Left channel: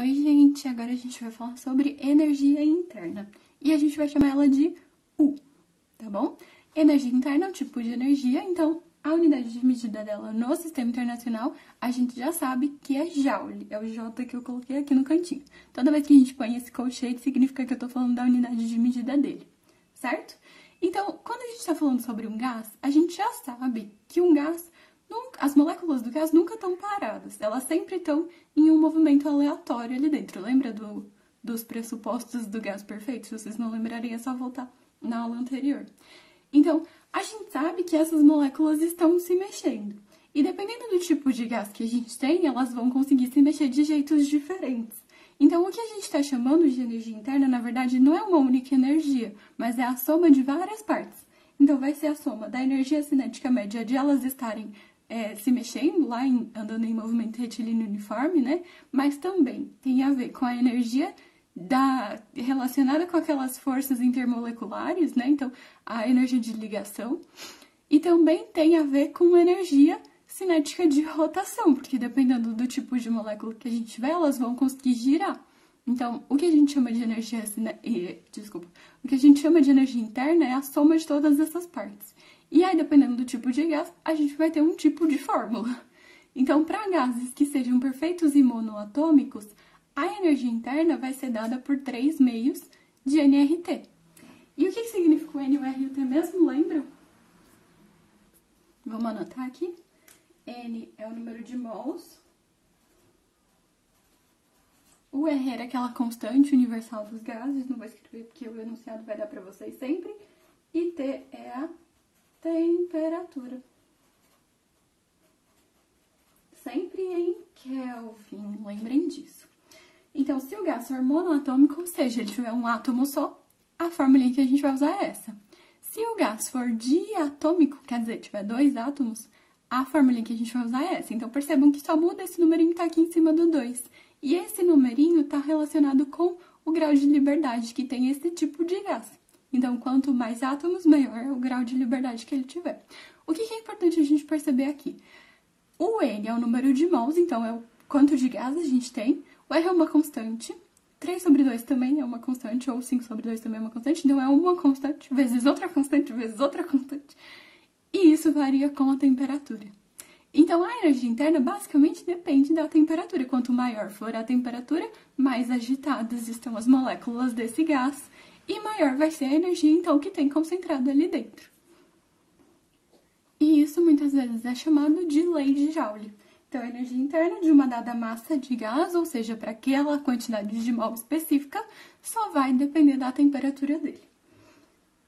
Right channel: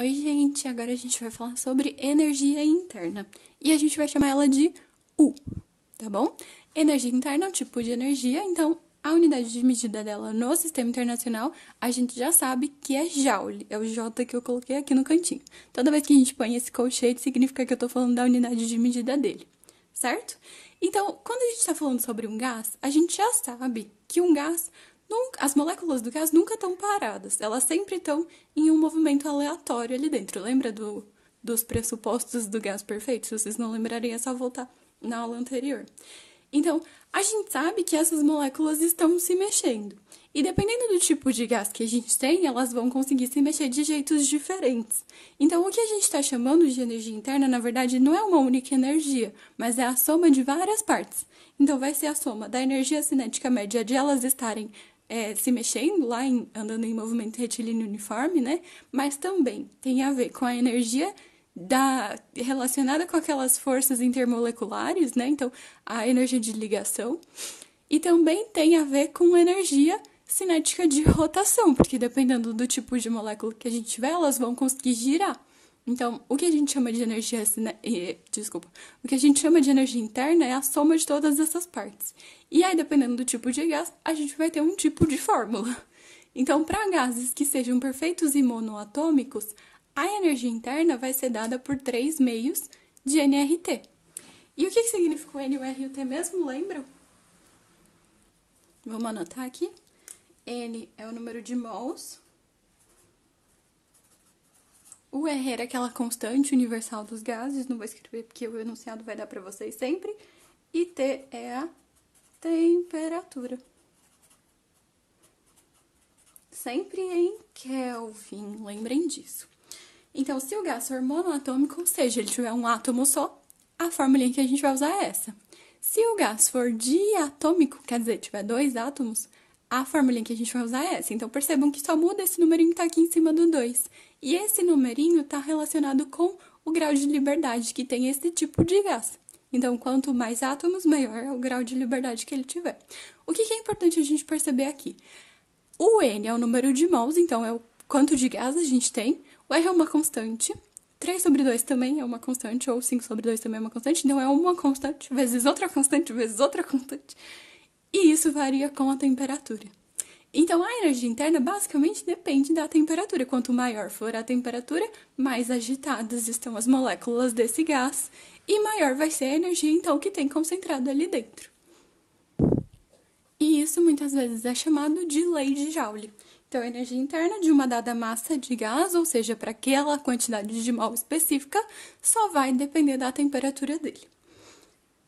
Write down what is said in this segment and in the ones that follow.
Oi, gente! Agora a gente vai falar sobre energia interna. E a gente vai chamar ela de U, tá bom? Energia interna é um tipo de energia, então a unidade de medida dela no sistema internacional, a gente já sabe que é Joule. É o J que eu coloquei aqui no cantinho. Toda vez que a gente põe esse colchete, significa que eu tô falando da unidade de medida dele, certo? Então, quando a gente está falando sobre um gás, a gente já sabe que um gás as moléculas do gás nunca estão paradas, elas sempre estão em um movimento aleatório ali dentro. Lembra dos pressupostos do gás perfeito? Se vocês não lembrarem, é só voltar na aula anterior. Então, a gente sabe que essas moléculas estão se mexendo. E dependendo do tipo de gás que a gente tem, elas vão conseguir se mexer de jeitos diferentes. Então, o que a gente está chamando de energia interna, na verdade, não é uma única energia, mas é a soma de várias partes. Então, vai ser a soma da energia cinética média de elas estarem se mexendo lá, andando em movimento retilíneo uniforme, né? Mas também tem a ver com a energia relacionada com aquelas forças intermoleculares, né? Então, a energia de ligação. E também tem a ver com energia cinética de rotação, porque dependendo do tipo de molécula que a gente tiver, elas vão conseguir girar. Então, o que a gente chama de energia o que a gente chama de energia interna é a soma de todas essas partes. E aí, dependendo do tipo de gás, a gente vai ter um tipo de fórmula. Então, para gases que sejam perfeitos e monoatômicos, a energia interna vai ser dada por 3 meios de nRT. E o que significa o N, o R e o T mesmo, lembram? Vamos anotar aqui. N é o número de mols. O R era aquela constante universal dos gases, não vou escrever porque o enunciado vai dar para vocês sempre. E T é a temperatura. Sempre em Kelvin, lembrem disso. Então, se o gás for monoatômico, ou seja, ele tiver um átomo só, a fórmula que a gente vai usar é essa. Se o gás for diatômico, quer dizer, tiver 2 átomos, a fórmula que a gente vai usar é essa. Então, percebam que só muda esse numerinho que está aqui em cima do 2. E esse numerinho está relacionado com o grau de liberdade que tem esse tipo de gás. Então, quanto mais átomos, maior é o grau de liberdade que ele tiver. O que é importante a gente perceber aqui? O N é o número de mols, então é o quanto de gás a gente tem. O R é uma constante. 3 sobre 2 também é uma constante, ou 5 sobre 2 também é uma constante. Então, é uma constante vezes outra constante vezes outra constante. E isso varia com a temperatura. Então, a energia interna basicamente depende da temperatura. Quanto maior for a temperatura, mais agitadas estão as moléculas desse gás e maior vai ser a energia, então, que tem concentrado ali dentro. E isso muitas vezes é chamado de lei de Joule. Então, a energia interna de uma dada massa de gás, ou seja, para aquela quantidade de mol específica, só vai depender da temperatura dele.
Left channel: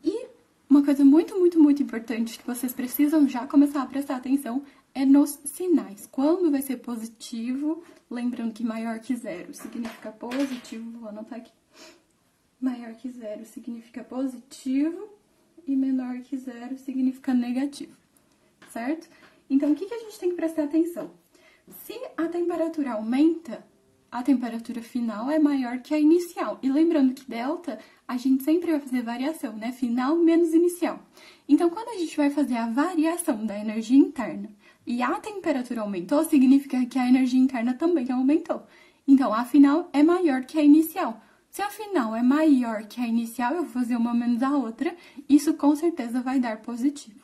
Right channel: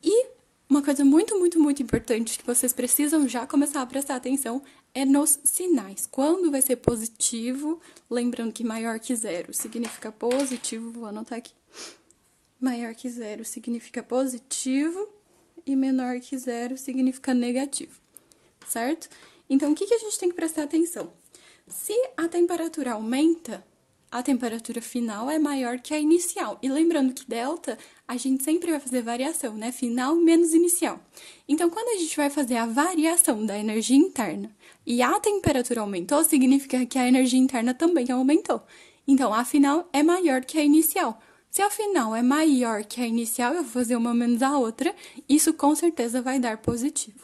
E uma coisa muito importante que vocês precisam já começar a prestar atenção é nos sinais. Quando vai ser positivo, lembrando que maior que 0 significa positivo, vou anotar aqui. Maior que 0 significa positivo e menor que 0 significa negativo, certo? Então, o que a gente tem que prestar atenção? Se a temperatura aumenta, a temperatura final é maior que a inicial. E lembrando que delta, a gente sempre vai fazer variação, né? Final menos inicial. Então, quando a gente vai fazer a variação da energia interna e a temperatura aumentou, significa que a energia interna também aumentou. Então, a final é maior que a inicial. Se a final é maior que a inicial, eu vou fazer uma menos a outra, isso com certeza vai dar positivo.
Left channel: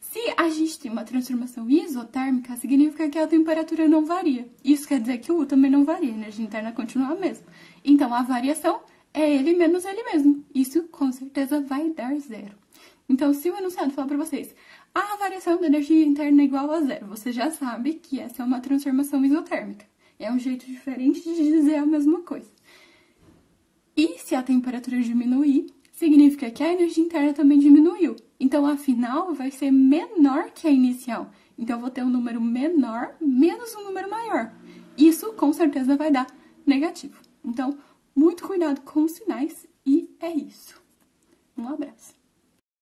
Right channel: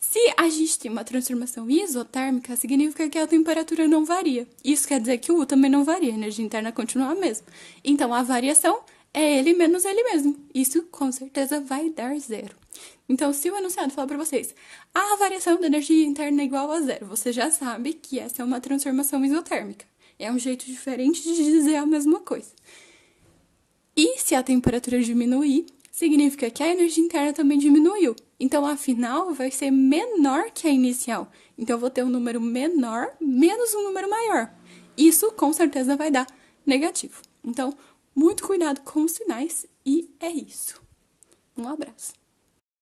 Se a gente tem uma transformação isotérmica, significa que a temperatura não varia. Isso quer dizer que o U também não varia, a energia interna continua a mesma. Então, a variação é ele menos ele mesmo. Isso, com certeza, vai dar 0. Então, se o enunciado falar para vocês, a variação da energia interna é igual a 0, você já sabe que essa é uma transformação isotérmica. É um jeito diferente de dizer a mesma coisa. E se a temperatura diminuir, significa que a energia interna também diminuiu. Então, a final vai ser menor que a inicial. Então, eu vou ter um número menor menos um número maior. Isso, com certeza, vai dar negativo. Então, muito cuidado com os sinais e é isso. Um abraço.